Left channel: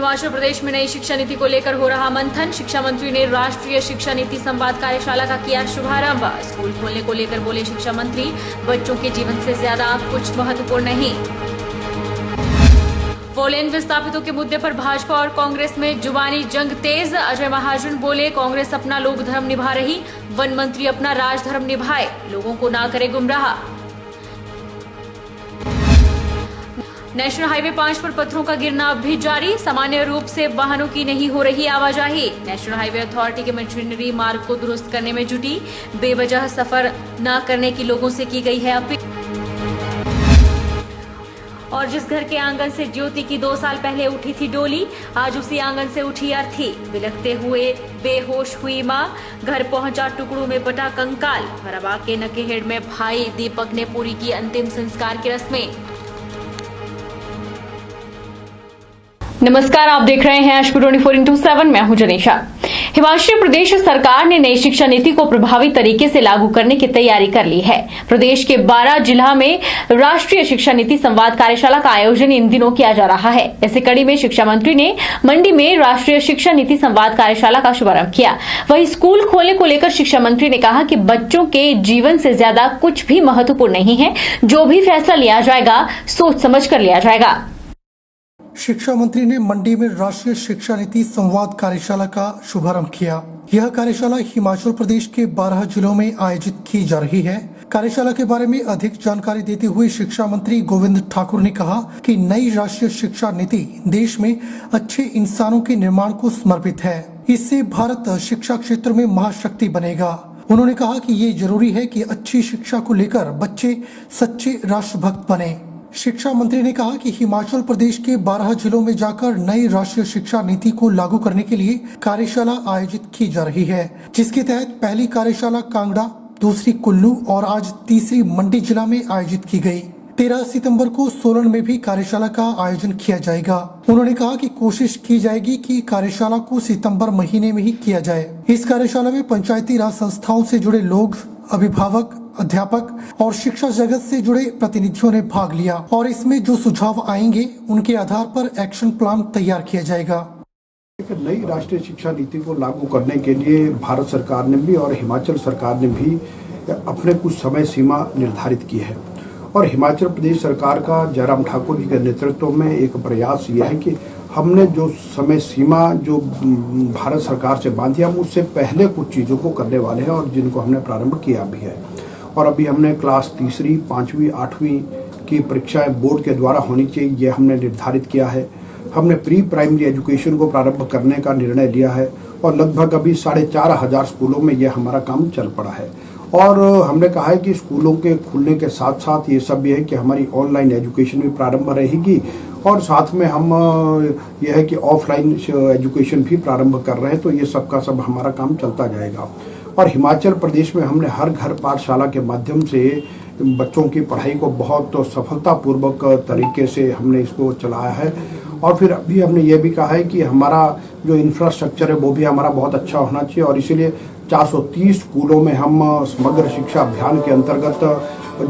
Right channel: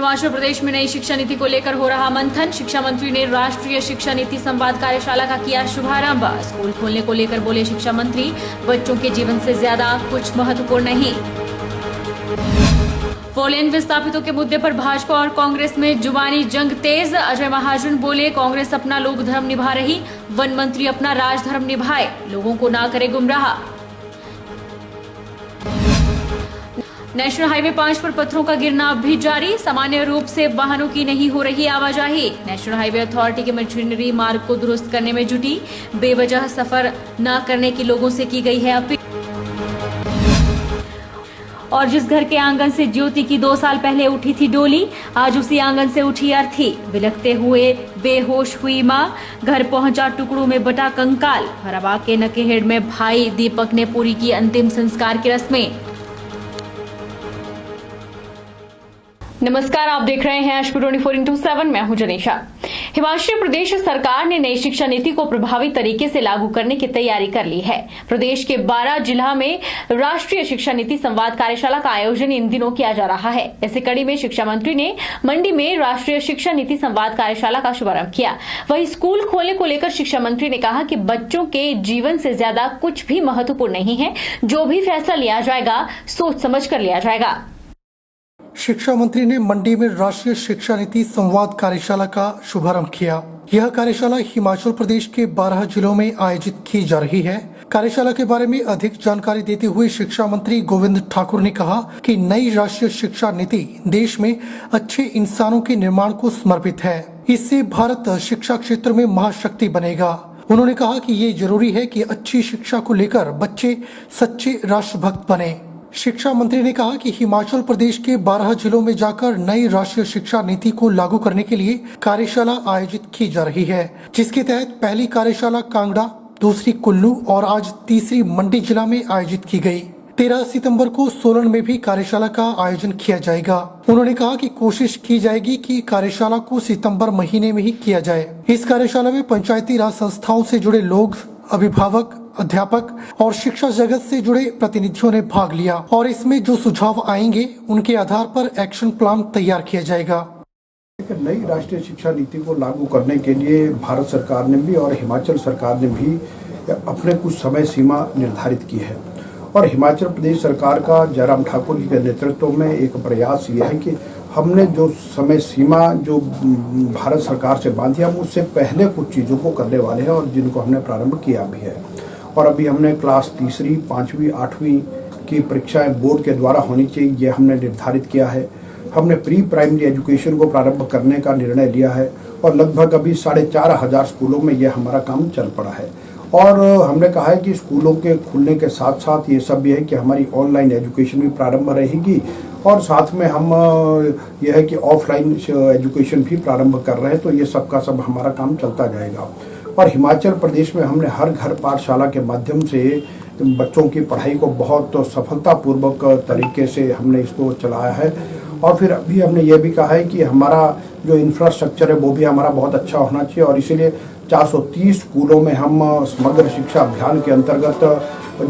हिमाचल प्रदेश में नई शिक्षा नीति को लेकर हो रहा मंथन। शिक्षा मंत्री ने राष्ट्रीय शिक्षा नीति संवाद कार्यशाला का किया शुभारंभ। स्कूल खोलने को लेकर बोले शिक्षा मंत्री, बच्चों के जीवन से ज्यादा कुछ महत्वपूर्ण नहीं। फोरलेन विस्थापितों के मुद्दे पर भाजपा और कांग्रेस में जुबानी जंग तेज। अजय महाजन बोले, कांग्रेस अपना लोक धर्म निभा रही, वन मंत्री अपना राज धर्म निभाए, लोगों को ना करे गुमराह। नेशनल हाईवे 5 पर पत्थरों का गिरना अब भी जारी। सामान्य रूप से वाहनों की नहीं हो रही आवाजाही। नेशनल हाईवे अथॉरिटी की मशीनरी मार्ग को दुरुस्त करने में जुटी। बेवजह सफर न करने की लोगों से की गई है अपील। और जिस घर के आंगन से ज्योति की 2 साल पहले उठी थी डोली, आज उसी आंगन से उठी अर्थी। बिलखते हुए बेहोश हुई मां, घर पहुंचा टुकड़ों में बटा कंकाल। फराबाद के नकेहेड़ में भाई दीपक ने पूरी की अंतिम संस्कार की रस्में। नमस्कार, आप देख रहे हैं एचपी 24/7। मैं हूं जनीशा। हिमाचल प्रदेश सरकार ने नई शिक्षा नीति को प्रभावी तरीके से लागू करने की तैयारी कर ली है। प्रदेश के 12 जिला में राष्ट्रीय शिक्षा नीति संवाद कार्यशाला का आयोजन इन दिनों किया जा रहा है। इसी कड़ी में शिक्षा मंत्री ने मंडी में राष्ट्रीय शिक्षा नीति संवाद कार्यशाला का शुभारंभ किया। वहीं स्कूल खोलने को लेकर शिक्षा मंत्री ने कहा कि बच्चों के जीवन से ज्यादा कुछ भी महत्वपूर्ण नहीं है। जो भी फैसला लिया जाएगा, सोच समझ कर लिया जाएगा। शिक्षा मंत्री ने मंडी में राष्ट्रीय शिक्षा नीति संवाद कार्यशाला का शुभारंभ किया। यह कार्यशाला हिमाचल प्रदेश के 12 जिलों में आयोजित की जा रही है। कार्यशाला के बारे में अधिक जानकारी देते हुए शिक्षा मंत्री गोविंद ठाकुर ने कहा कि नई राष्ट्रीय शिक्षा नीति देश में अच्छे इंसानों के निर्माण को समर्पित है। इससे भारत शिक्षा क्षेत्र में महाशक्ति बनेगा। उन्होंने कहा कि ये जरूरी है कि अच्छी शिक्षा को लेकर बच्चे सच्चे राष्ट्रभक्त बने। शिक्षा मंत्री ने कहा कि हिमाचल प्रदेश के 12 जिलों में जाकर नई राष्ट्रीय शिक्षा नीति को लागू करने के लिए कार्यशाला आयोजित की जा रही है, जिसके तहत पहली कार्यशाला कांगड़ा, दूसरी कुल्लू और आज तीसरी मंडी जिला में आयोजित की गई। 13 सितंबर को सोलन में भी कार्यशाला का आयोजन किया जाएगा। उन्होंने कहा कि कोशिश की जाएगी कि कार्यशाला को सितंबर महीने में ही किया जाए। इस कार्यशाला में पंचायती राज संस्थाओं से जुड़े लोग, अभिभावक, अध्यापक और शिक्षा जगत से जुड़े प्रतिनिधियों ने भाग लिया और इसमें जो सुझाव आएंगे उनके आधार पर एक्शन प्लान तैयार किया जाएगा। नई राष्ट्रीय शिक्षा नीति को लागू करने के लिए भारत सरकार ने भी और हिमाचल सरकार ने भी अपने कुछ समय सीमा निर्धारित की है और हिमाचल प्रदेश सरकार का जयराम ठाकुर जी के नेतृत्व में एक प्रयास ये है कि हमने जो समय सीमा जो भारत सरकार से बांधी, हम उससे पहले कुछ चीज़ों को करने वाले हैं और जिनको हमने प्रारंभ किया भी है। और अभी हमने क्लास 3री, 5वीं, 8वीं की परीक्षाएं बोर्ड के द्वारा होनी चाहिए, ये हमने निर्धारित किया है। हमने प्री प्राइमरी एजुकेशन को प्रारंभ करने का निर्णय लिया है और लगभग अभी 4,500 स्कूलों में ये हमारा काम चल पड़ा है। और हमने कहा है कि स्कूलों के खुलने के साथ साथ ये सब भी है कि हमारी ऑनलाइन एजुकेशन भी प्रारंभ रहेगी और साथ में हम यह है कि ऑफलाइन एजुकेशन भी प्रारंभ कर रहे हैं। तो ये सब का सब हमारा काम चलता जाएगा। और हिमाचल प्रदेश में हमने हर घर पाठशाला के माध्यम से बच्चों की पढ़ाई को बहुत सफलतापूर्वक तरीके से हमने इसको चलाया है। और फिर अभी हमने ये भी कहा है कि हमारा जो इंफ्रास्ट्रक्चर है वो भी हमारा बहुत अच्छा होना चाहिए और इसीलिए 430 स्कूलों में हम समग्र शिक्षा अभियान के अंतर्गत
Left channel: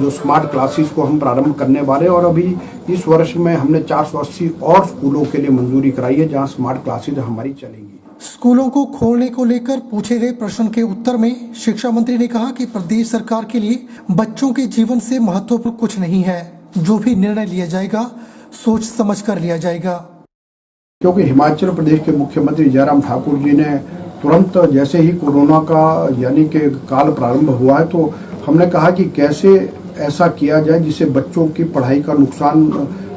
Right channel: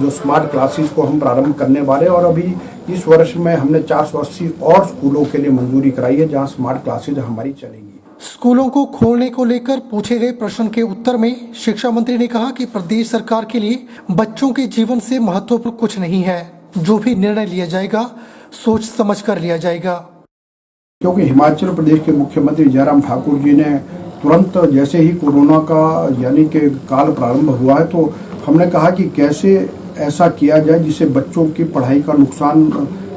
जो स्मार्ट क्लासेस को हम प्रारंभ करने वाले और अभी इस वर्ष में हमने 480 और स्कूलों के लिए मंजूरी कराई है जहां स्मार्ट क्लासेस हमारी चलेंगी। स्कूलों को खोलने को लेकर पूछे गए प्रश्न के उत्तर में शिक्षा मंत्री ने कहा कि प्रदेश सरकार के लिए बच्चों के जीवन से महत्वपूर्ण कुछ नहीं है। जो भी निर्णय लिया जाएगा, सोच समझ कर लिया जाएगा। क्योंकि हिमाचल प्रदेश के मुख्यमंत्री जयराम ठाकुर जी ने तुरंत जैसे ही कोरोना का यानी कि काल प्रारंभ हुआ है तो हमने कहा कि कैसे ऐसा किया जाए जिससे बच्चों की पढ़ाई का नुकसान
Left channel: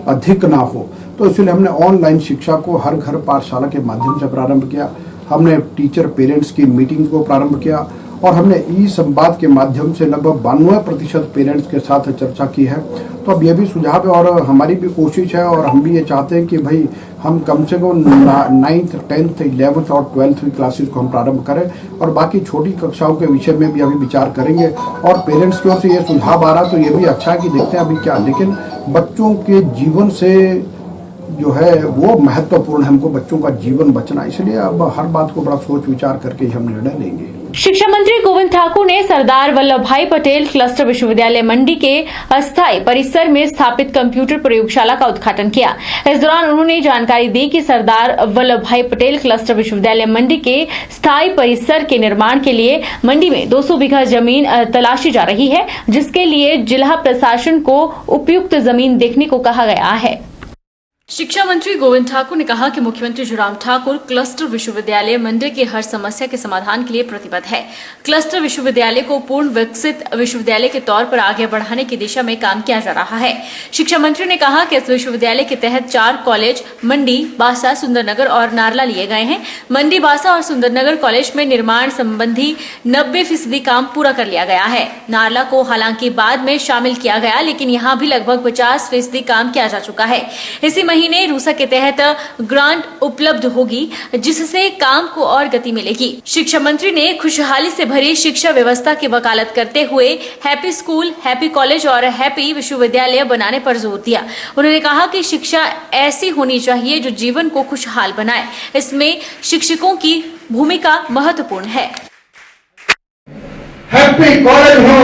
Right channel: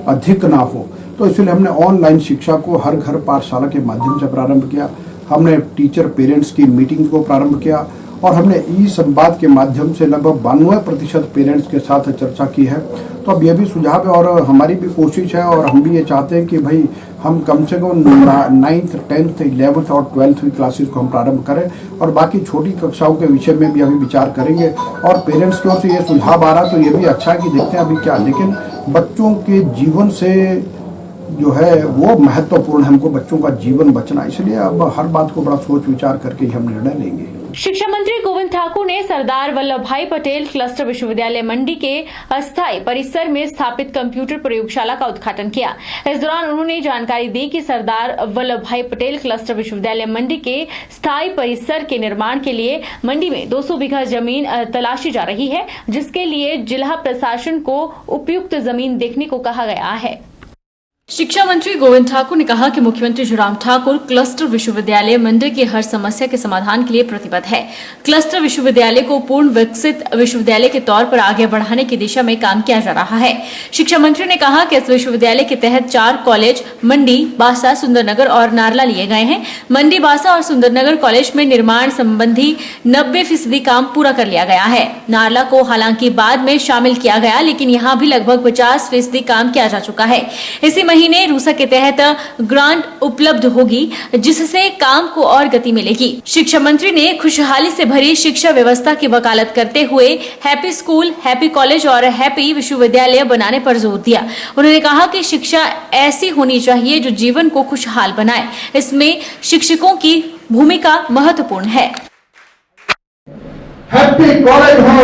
अधिक ना हो। तो इसलिए हमने ऑनलाइन शिक्षा को हर घर पाठशाला के माध्यम से प्रारंभ किया। हमने टीचर पेरेंट्स की मीटिंग्स को प्रारंभ किया और हमने ई संवाद के माध्यम से लगभग 92% पेरेंट्स के साथ चर्चा की है। तो अब ये भी सुझाव है और हमारी भी कोशिश है और हम भी ये चाहते हैं कि भाई हम कम से कम 9th, 10th, 11th और 12th क्लासेस को हम प्रारंभ करें और बाकी छोटी कक्षाओं के विषय में भी अभी विचार करेंगे। और पेरेंट्स की ओर से ये सुझाव आ रहा तो ये भी अच्छा है कि देखते हैं अभी क्या, लेकिन बच्चों के जीवन से जो है वो महत्वपूर्ण है, हमको बच्चों का जीवन बचना, इसलिए अब हर बात को बड़ा सोच विचार करके हम निर्णय लेंगे। शिक्षा मंत्री गोविंद ठाकुर ने सरदार वल्लभ भाई पटेल क्लस्टर विश्वविद्यालय मंडी के अस्थायी परिसर में स्थापित कंप्यूटर प्रयोगशाला का उद्घाटन किया। इस दौरान उन्होंने जानकारी दी कि सरदार वल्लभ भाई पटेल क्लस्टर विश्वविद्यालय मंडी के स्थायी परिसर के निर्माण के लिए मंडी में 200 बीघा जमीन तलाशी जा रही है, जिसके लिए जिला प्रशासन को उपयुक्त जमीन देखने को कहा गया है। शिक्षा मंत्री गोविंद ठाकुर ने कहा कि मुख्यमंत्री जयराम ठाकुर क्लस्टर विश्वविद्यालय मंडी की हर समस्या के समाधान के लिए प्रतिबद्ध है। क्लस्टर विश्वविद्यालय को पूर्ण विकसित विश्वविद्यालय के तौर पर आगे बढ़ाने की दिशा में काम किया जा रहा है। शिक्षा मंत्री ने कहा कि इस विश्वविद्यालय के तहत 4 कॉलेज मंडी, बासा, सुंदरनगर और नारला लिए गए हैं। मंडी, बासा और सुंदरनगर कॉलेज में निर्माण संबंधी 90% काम पूरा कर लिया गया है। नारला को हालांकि बाद में शामिल किया गया, लेकिन यहाँ भी लगभग 50% काम किया जा चुका है। इसी महीने रूसा के तहत ग्रांट उपलब्ध होगी, जिससे काम को और गति मिलेगी। शिक्षा मंत्री ने खुशहाली से भरी शिक्षा व्यवस्था की वकालत करते हुए हैप्पी स्कूल, हैप्पी कॉलेज और हैप्पी विश्वविद्यालय बनाने पर जोर दिया। उन्होंने कहा कि शिक्षा ऐसी होनी चाहिए जो जीवन को खुशहाल बनाए। इसमें शिक्षकों की भूमिका महत्वपूर्ण है। हैप्पी कॉलेज हो,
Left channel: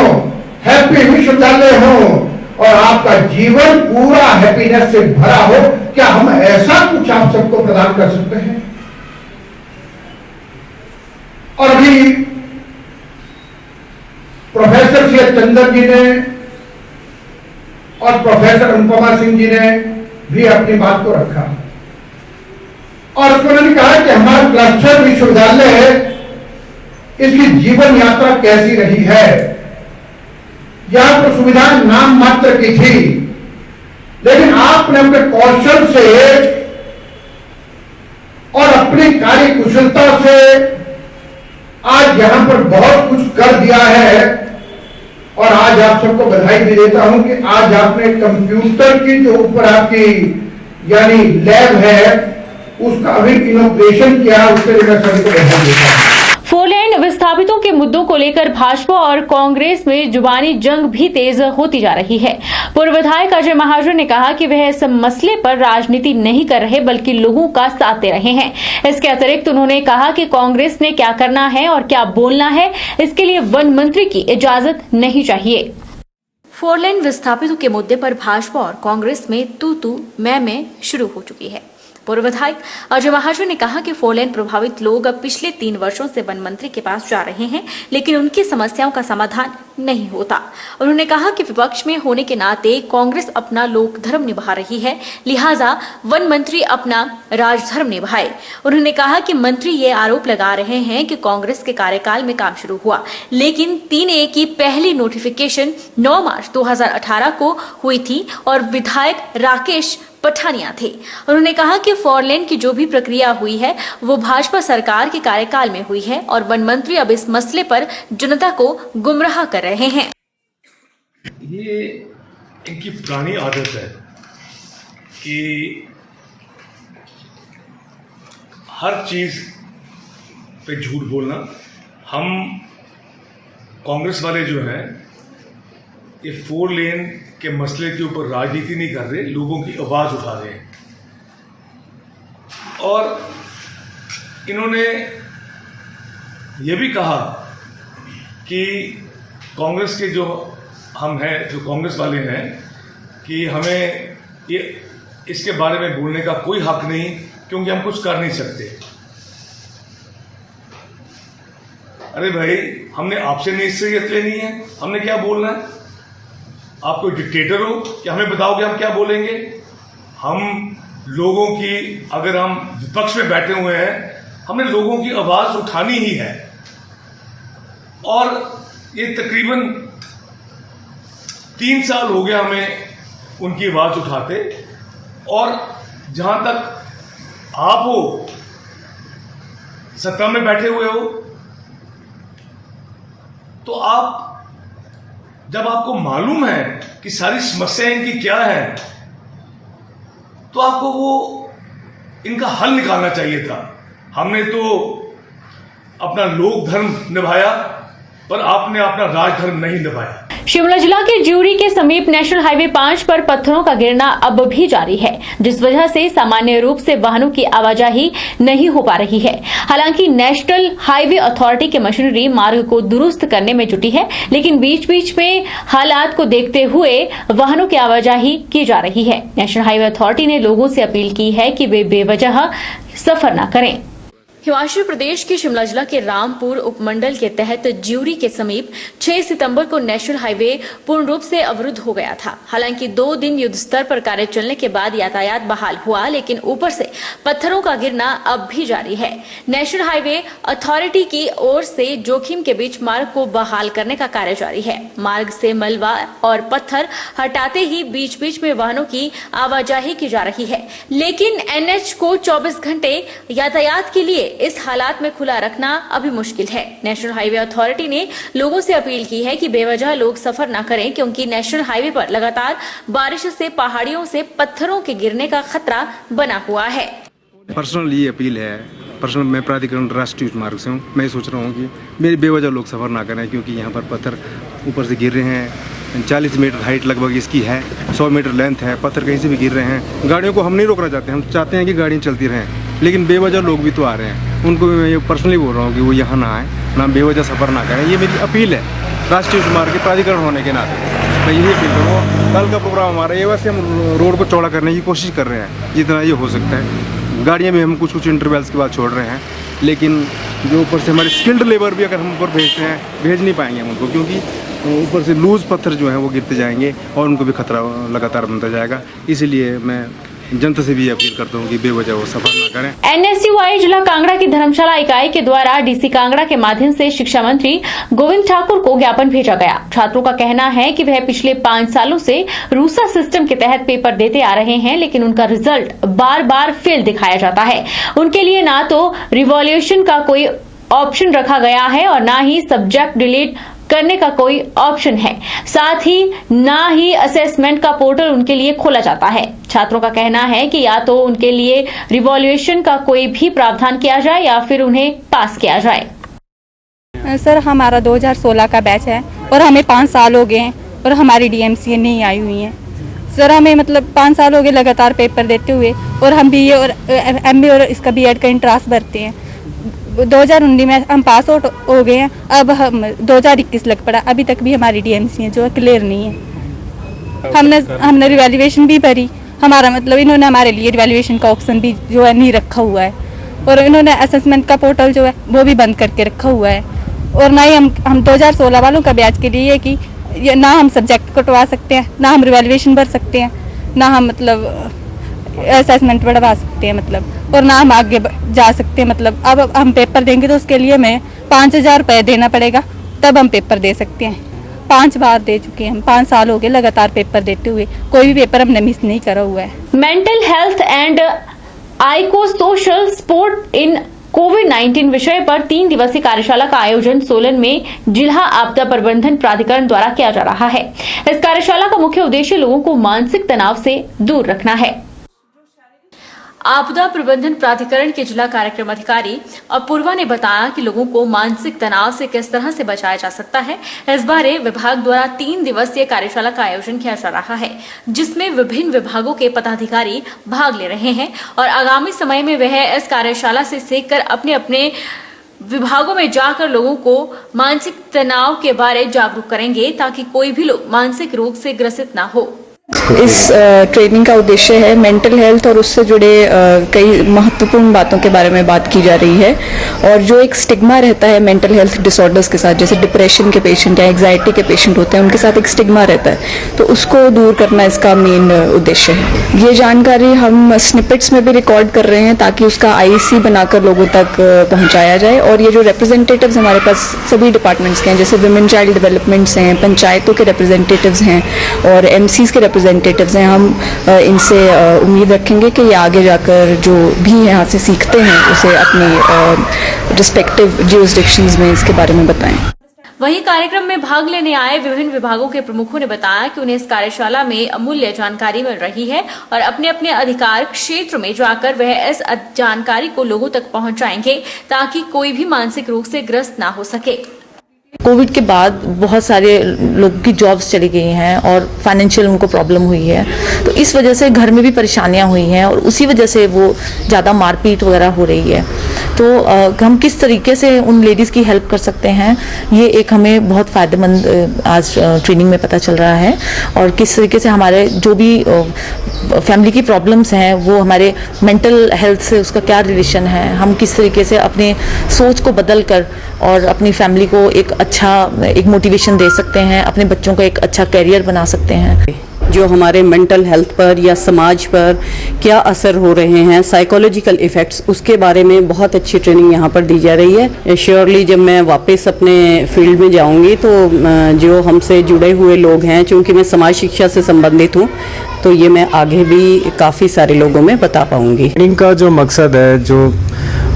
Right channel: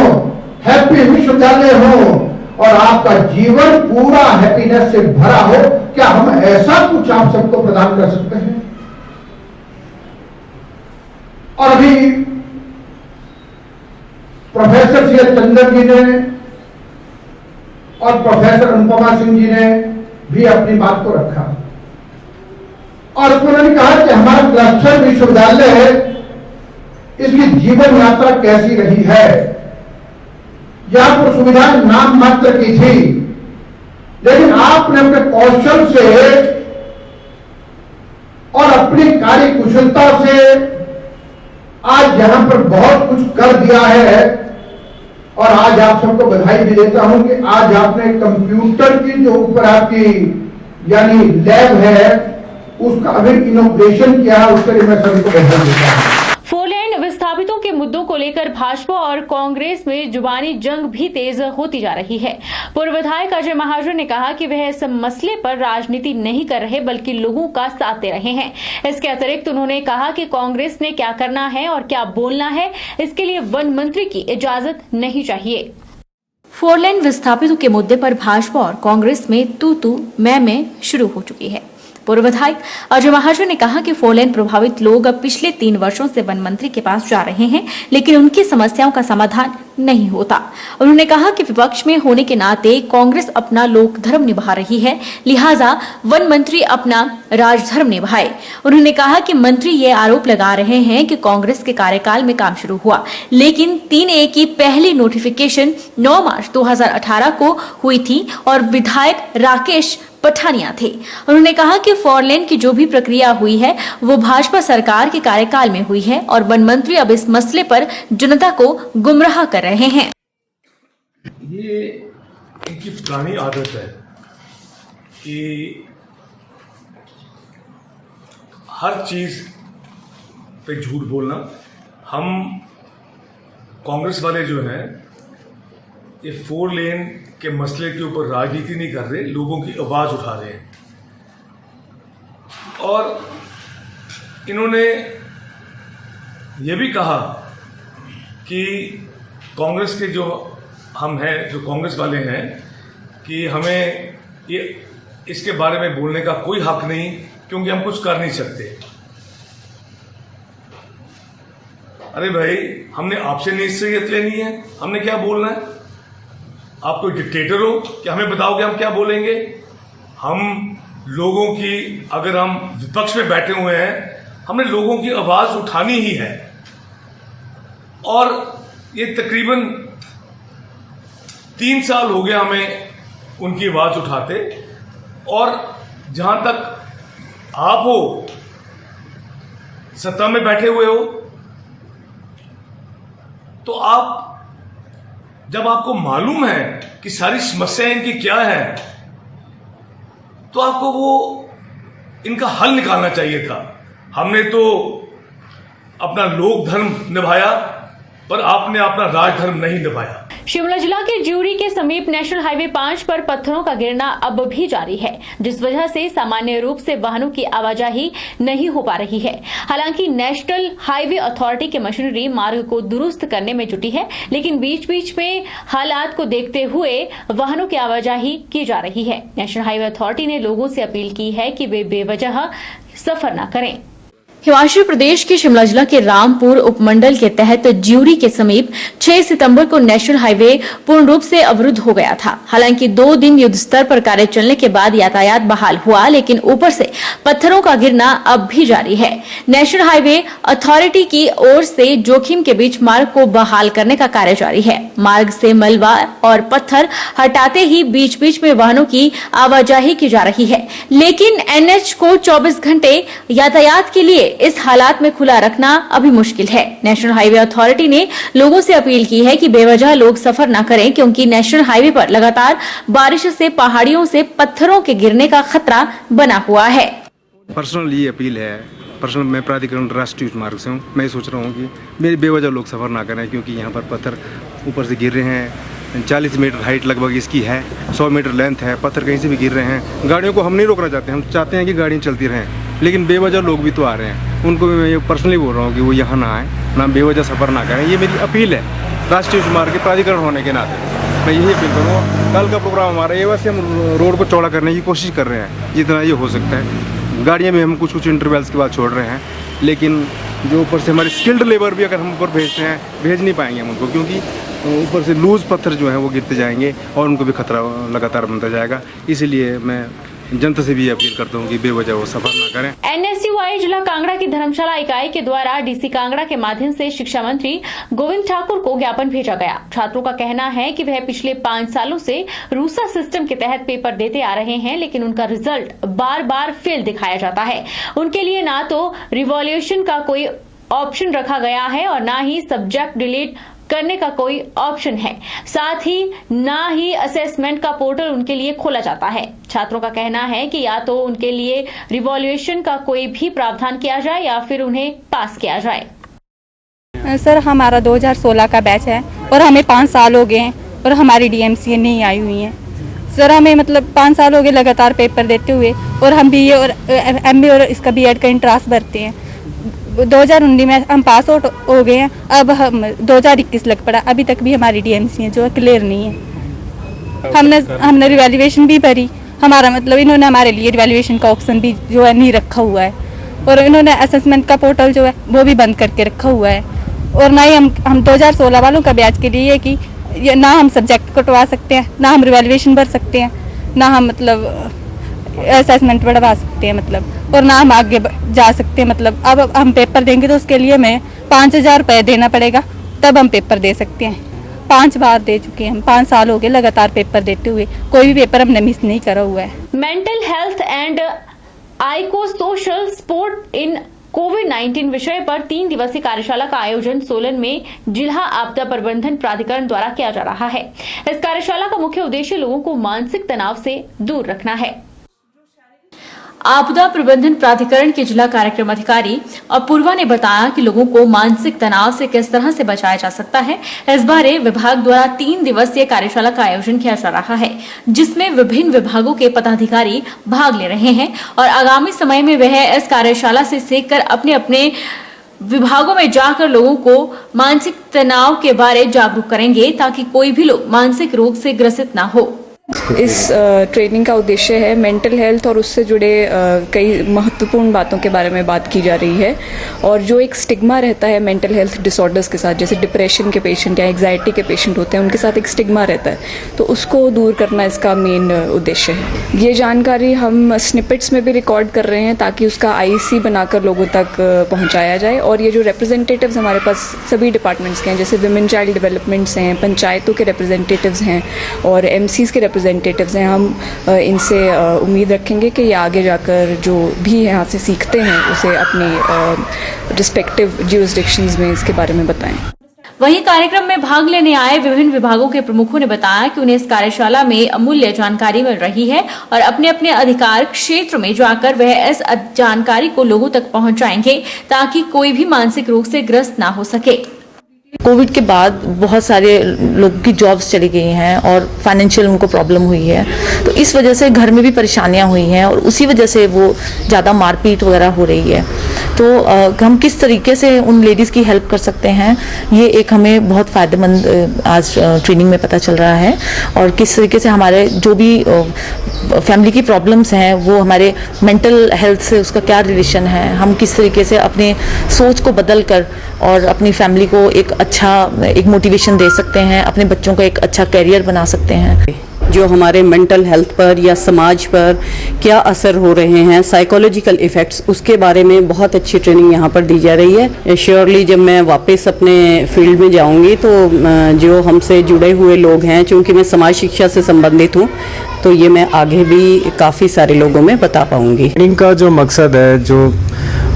हैप्पी विश्वविद्यालय हो और आपका जीवन पूरा हैप्पीनेस से भरा हो, क्या हम ऐसा कुछ आप सबको प्रदान कर सकते हैं? और अभी प्रोफेसर सी.एच. चंदन जी ने और प्रोफेसर अनुपमा सिंह जी ने भी अपनी बात को रखा और उसमें उन्होंने कहा कि हमारा क्लस्टर विश्वविद्यालय है, इसकी जीवन यात्रा कैसी रही है। यहां पर सुविधा नाम मात्र की थी, लेकिन आपने अपने कौशल से और अपनी कार्य कुशलता से आज यहां पर बहुत कुछ कर दिया है। और आज आप सबको बधाई भी देता हूं कि आज आपने कंप्यूटर की जो ऊपर आपकी यानी लैब है उसका अभी इनोग्रेशन किया, उसके लिए मैं सभी को बधाई देता हूं। विस्थापितों के मुद्दों को लेकर भाजपा और कांग्रेस में जुबानी जंग भी तेज होती जा रही है। पूर्व विधायक अजय महाजन ने कहा कि वह इस मसले पर राजनीति नहीं कर रहे, बल्कि लोगों का साथ दे रहे हैं। इसके अतिरिक्त उन्होंने कहा कि कांग्रेस ने क्या करना है और क्या बोलना है, इसके लिए वन मंत्री की इजाजत नहीं चाहिए। 4 लेन विस्थापितों के मुद्दे पर भाजपा और कांग्रेस में तू मैं शुरू हो चुकी है। पूर्व विधायक अजय महाजन ने कहा कि 4 लेन प्रभावित लोग अब पिछले 3 वर्षों से वन मंत्री के पास जा रहे हैं, लेकिन उनकी समस्याओं का समाधान नहीं होता। उन्होंने कहा कि विपक्ष में होने के नाते कांग्रेस अपना लोक धर्म निभा रही है, लिहाजा वन मंत्री अपना राजधर्म निभाए। उन्होंने कहा कि मंत्री ये आरोप लगा रहे हैं कि कांग्रेस के कार्यकाल में काम शुरू हुआ, लेकिन 3A की पहली नोटिफिकेशन 9 मार्च 2018 को हुई थी और विधायक राकेश पठानिया थे। उन्होंने कहा कि 4 लेन की जो भी प्रक्रिया हुई है वो भाजपा सरकार के कार्यकाल में हुई है और वन मंत्री अब इस मसले पर जनता को गुमराह कर रहे हैं। ये इनकी पुरानी आदत है कि हर चीज पे झूठ बोलना। हम कांग्रेस वाले जो हैं ये 4 लेन के मसले के ऊपर राजनीति नहीं कर रहे, लोगों की आवाज उठा रहे हैं। और इन्होंने ये भी कहा कि कांग्रेस के जो हम हैं, जो कांग्रेस वाले हैं, कि हमें ये इसके बारे में बोलने का कोई हक नहीं क्योंकि हम कुछ कर नहीं सकते। अरे भाई, हमने आपसे नसीहत लेनी है, हमने क्या बोलना है? आप कोई डिक्टेटर हो कि हमें बताओगे हम क्या बोलेंगे? हम लोगों की, अगर हम विपक्ष में बैठे हुए हैं, हमने लोगों की आवाज उठानी ही है। और ये तकरीबन 3 साल हो गया हमें उनकी आवाज उठाते। और जहां तक आप हो, सत्ता में बैठे हुए हो, तो आप जब आपको मालूम है कि सारी समस्याएं इनकी क्या है, तो आपको वो इनका हल निकालना चाहिए था। हमने तो अपना लोक धर्म निभाया, पर आपने अपना राजधर्म नहीं निभाया। शिमला जिला के ज्यूरी के समीप नेशनल हाईवे 5 पर पत्थरों का गिरना अब भी जारी है, जिस वजह से सामान्य रूप से वाहनों की आवाजाही नहीं हो पा रही है। हालांकि नेशनल हाईवे अथॉरिटी की मशीनरी मार्ग को दुरुस्त करने में जुटी है, लेकिन बीच बीच में हालात को देखते हुए वाहनों की आवाजाही की जा रही है। नेशनल हाईवे अथॉरिटी ने लोगों से अपील की है कि वे बेवजह सफर न करें। हिमाचल प्रदेश के शिमला जिला के रामपुर उपमंडल के तहत ज्यूरी के समीप 6 सितंबर को नेशनल हाईवे पूर्ण रूप से अवरुद्ध हो गया था। हालांकि 2 दिन युद्ध स्तर पर कार्य चलने के बाद यातायात बहाल हुआ, लेकिन ऊपर से पत्थरों का गिरना अब भी जारी है। नेशनल हाईवे अथॉरिटी की ओर से जोखिम के बीच मार्ग को बहाल करने का कार्य जारी है। मार्ग से मलबा और पत्थर हटाते ही बीच बीच में वाहनों की आवाजाही की जा रही है, लेकिन एनएच को 24 घंटे यातायात के लिए इस हालात में खुला रखना अभी मुश्किल है। नेशनल हाईवे अथॉरिटी ने लोगों से अपील की है कि बेवजह लोग सफर न करें, क्योंकि नेशनल हाईवे पर लगातार बारिश से पहाड़ियों से पत्थरों के गिरने का खतरा बना हुआ है। पर्सनल ये अपील है, पर्सनल मैं प्राधिकरण राष्ट्रीय मार्ग से हूँ। मैं सोच रहा हूँ कि मेरी बेवजह लोग सफर ना करें, क्योंकि यहाँ पर पत्थर ऊपर से गिर रहे हैं। 40 मीटर हाइट लगभग इसकी है, 100 मीटर लेंथ है, पत्थर कहीं से भी गिर रहे हैं। गाड़ियों को हम नहीं रोकना चाहते, हम चाहते हैं कि गाड़ियाँ चलती रहें, लेकिन बेवजह लोग भी तो आ रहे हैं। उनको भी मैं ये पर्सनली बोल रहा हूँ कि वो यहाँ ना आए, ना बेवजह सफ़र ना करें। ये मेरी अपील है राष्ट्रीय मार्ग के प्राधिकरण होने के नाते। मैं यही अपील करूँगा। कल का प्रोग्राम हमारा ये, वैसे हम रोड को चौड़ा करने की कोशिश कर रहे हैं जितना ये हो सकता है। गाड़ियाँ भी हम कुछ इंटरवल्स के बाद छोड़ रहे हैं, लेकिन जो ऊपर से हमारे स्किल्ड लेबर भी अगर हम ऊपर भेजते हैं, भेज नहीं पाएंगे हम उनको, क्योंकि ऊपर से लूज पत्थर जो हैं वो गिरते जाएंगे और उनको भी खतरा लगातार बनता जाएगा। इसीलिए मैं जनता से भी अपील करता हूँ कि बेवजह वो सफर ना करें। एनएसयूआई जिला कांगड़ा की धर्मशाला इकाई के द्वारा डीसी कांगड़ा के माध्यम से शिक्षा मंत्री गोविंद ठाकुर को ज्ञापन भेजा गया। छात्रों का कहना है कि वह पिछले 5 सालों से रूसा सिस्टम के तहत पेपर देते आ रहे हैं, लेकिन उनका रिजल्ट बार बार फेल दिखाया जाता है। उनके लिए ना तो रिवॉल्यूशन का कोई ऑप्शन रखा गया है और ना ही सब्जेक्ट डिलीट करने का कोई ऑप्शन है, साथ ही ना ही असेसमेंट का पोर्टल उनके लिए खोला जाता है। छात्रों का कहना है कि या तो उनके लिए रिवॉल्यूशन का कोई भी प्रावधान किया जाए या फिर उन्हें पास किया जाए। सर, हमारा 2016 का बैच है और हमें 5 साल हो गए हैं और हमारी डीएमसी नहीं आई हुई है। सर, हमें मतलब 5 साल हो गए लगातार पेपर देते हुए, और हम बीए और एमबी और इसका बीएड का इंट्रांस भरते हैं। 2019 में हम पास आउट हो गए हैं, अब हम 2021 लग पड़ा, अभी तक भी हमारी डीएमसी है जो क्लियर नहीं है। हमने रिवैल्यूएशन भी भरी, हमारा मतलब इन्होंने हमारे लिए रिवैल्यूएशन का ऑप्शन भी जो है नहीं रखा हुआ है, और इन्होंने असेसमेंट का पोर्टल जो है वो भी बंद करके रखा हुआ है। और ना ही हम 2016 वालों का बैच के लिए कि ना हम सब्जेक्ट कटवा सकते हैं, ना हम रिवैल्यूएशन भर सकते हैं, ना हम मतलब असेसमेंट बढ़वा सकते हैं मतलब, और ना हम आगे जा सकते हैं मतलब। अब हम पेपर देंगे तो उसके लिए हमें 5000 रुपये देना पड़ेगा, तब हम पेपर दे सकते हैं। 5 बार दे चुके हैं हम, 5 साल हो गए लगातार पेपर देते हुए, कोई भी पेपर हमने मिस नहीं करा हुआ है। Mental health and psycho social support इन कोविड-19 विषय पर 3 दिवसीय कार्यशाला का आयोजन सोलन में जिला आपदा प्रबंधन प्राधिकरण द्वारा किया जा रहा है। इस कार्यशाला का मुख्य उद्देश्य लोगों को मानसिक तनाव से दूर रखना है। आपदा प्रबंधन प्राधिकरण के जिला कार्यक्रम अधिकारी अपूर्वा ने बताया कि लोगों को मानसिक तनाव से किस तरह से बचाया जा सकता है। इस बारे विभाग द्वारा 3 दिवसीय कार्यशाला का आयोजन किया जा रहा है, जिसमें विभिन्न विभागों के पदाधिकारी भाग ले रहे हैं और आगामी समय में वह इस कार्यशाला से सीखकर अपने अपने विभागों में जाकर लोगों को मानसिक तनाव के बारे जागरूक करेंगे, ताकि कोई भी लोग मानसिक रोग से ग्रसित न हो। इस ट्रेनिंग का उद्देश्य है मेंटल हेल्थ और उससे जुड़े कई महत्वपूर्ण बातों के बारे में बात की जा रही है। और जो एक स्टिग्मा रहता है मेंटल हेल्थ डिसऑर्डर्स के साथ, जैसे डिप्रेशन के पेशेंट या एंग्जाइटी के पेशेंट होते हैं, उनके साथ एक स्टिग्मा रहता है, तो उसको दूर करना इसका मेन उद्देश्य है। ये जानकारी हम स्निपेट्स में भी रिकॉर्ड कर रहे हैं ताकि उसका आईसी बनाकर लोगों तक पहुंचाया जाए। और ये जो रिप्रेजेंटेटिव्स हमारे पास सभी डिपार्टमेंट्स के हैं, जैसे वुमेन चाइल्ड डेवलपमेंट्स हैं, पंचायतों के रिप्रेजेंटेटिव्स हैं और एमसीज के रिप्रेजेंटेटिव्स हैं, हम इनसे उम्मीद रखेंगे कि ये आगे जाकर जो भी यहाँ से सीखते हैं उसे अपने रिस्पेक्टिव जुरिसडिक्शंस में इसके बारे में बताएं। वहीं कार्यक्रम में भाग लेने आए विभिन्न विभागों के प्रमुखों ने बताया कि उन्हें इस कार्यशाला में अमूल्य जानकारी मिल रही है और अपने अपने अधिकार क्षेत्र में जाकर वह इस जानकारी को लोगों तक पहुंचाएंगे, ताकि कोई भी मानसिक रोग से ग्रस्त ना हो सके। कोविड के बाद बहुत सारे लोगों की जॉब्स चली गई हैं और फाइनेंशियल उनको प्रॉब्लम हुई है, तो इस वजह से घर में भी परेशानियां हुई हैं और उसी वजह से वो ज़्यादा मारपीट वगैरह हो रही है। तो हम किस तरीके से उन लेडीज़ की हेल्प कर सकते हैं, ये एक हमें बहुत फ़ायदेमंद आज ट्रेनिंग में पता चल रहा है। और किस तरीके से हमारे जो भी फैमिली की प्रॉब्लम्स हैं वो हमारे मेंटल हेल्थ से उसका क्या रिलेशन है, हम किस तरीके से अपने सोच को बदल कर और अपनी फैमिली को एक मोटिवेशन दे सकते हैं, अपने बच्चों का एक अच्छा करियर बना सकते हैं। जो हमारे मेंटल हेल्थ पर या समाज पर क्या असर हो रहे हैं, साइकोलॉजिकल इफ़ेक्ट्स, उसके बारे में बहुत अच्छी ट्रेनिंग यहाँ पर दी जा रही है। श्योरली जब मैं वापस अपने फील्ड में जाऊँगी तो जो हमसे जुड़े हुए लोग हैं, चूँकि मैं समाज शिक्षा से संबंधित हूँ, तो ये मैं आगे भी काफ़ी सारे लोगों में बता पाऊँगी। ट्रेनिंग का जो मकसद है जो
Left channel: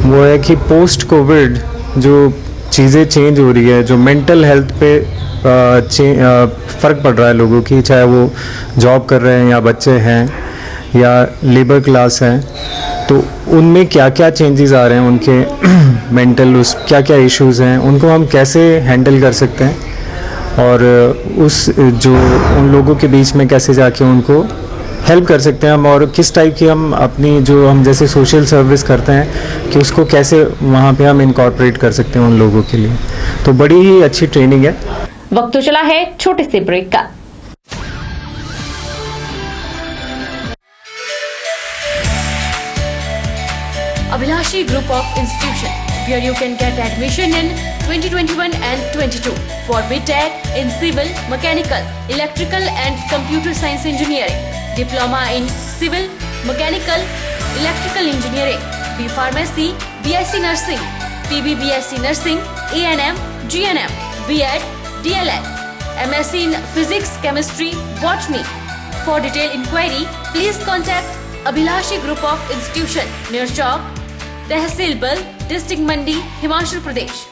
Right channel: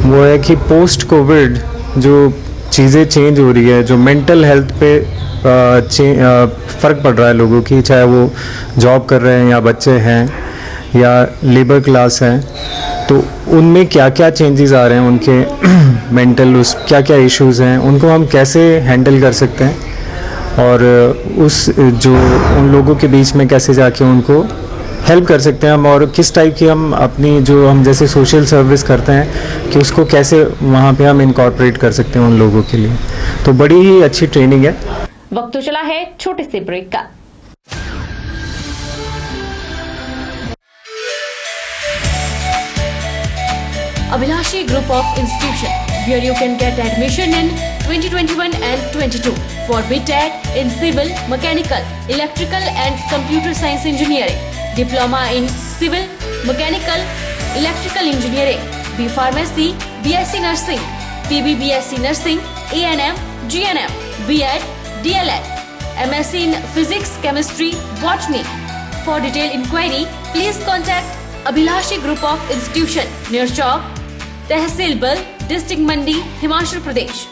वो है कि पोस्ट कोविड जो चीज़ें चेंज हो रही है, जो मेंटल हेल्थ पे फ़र्क पड़ रहा है लोगों की, चाहे वो जॉब कर रहे हैं या बच्चे हैं या लेबर क्लास हैं, तो उनमें क्या क्या चेंजेस आ रहे हैं, उनके मेंटल क्या क्या इश्यूज़ हैं, उनको हम कैसे हैंडल कर सकते हैं और उन लोगों के बीच में कैसे जाके उनको हेल्प कर सकते हैं हम, और किस टाइप की हम अपनी जो हम जैसे सोशल सर्विस करते हैं कि उसको कैसे वहाँ पे हम इनकॉर्पोरेट कर सकते हैं उन लोगों के लिए। तो बड़ी ही अच्छी ट्रेनिंग है। वक्त तो चला है छोटे से ब्रेक का। Abhilashi Group of Institution, where you can get admission in 2021 and 22 for BTech in Civil, Mechanical, Electrical and Computer Science Engineering, Diploma in Civil, Mechanical, Electrical Engineering, B Pharmacy, BSc Nursing, PB BSc Nursing, A&M, GNM, B.Ed, DLED, MSc in Physics, Chemistry, Botany. For detailed inquiry, please contact Abhilashi Group of Institution, near Chowk, Tehsil Bal, District Mandi, Himachal Pradesh.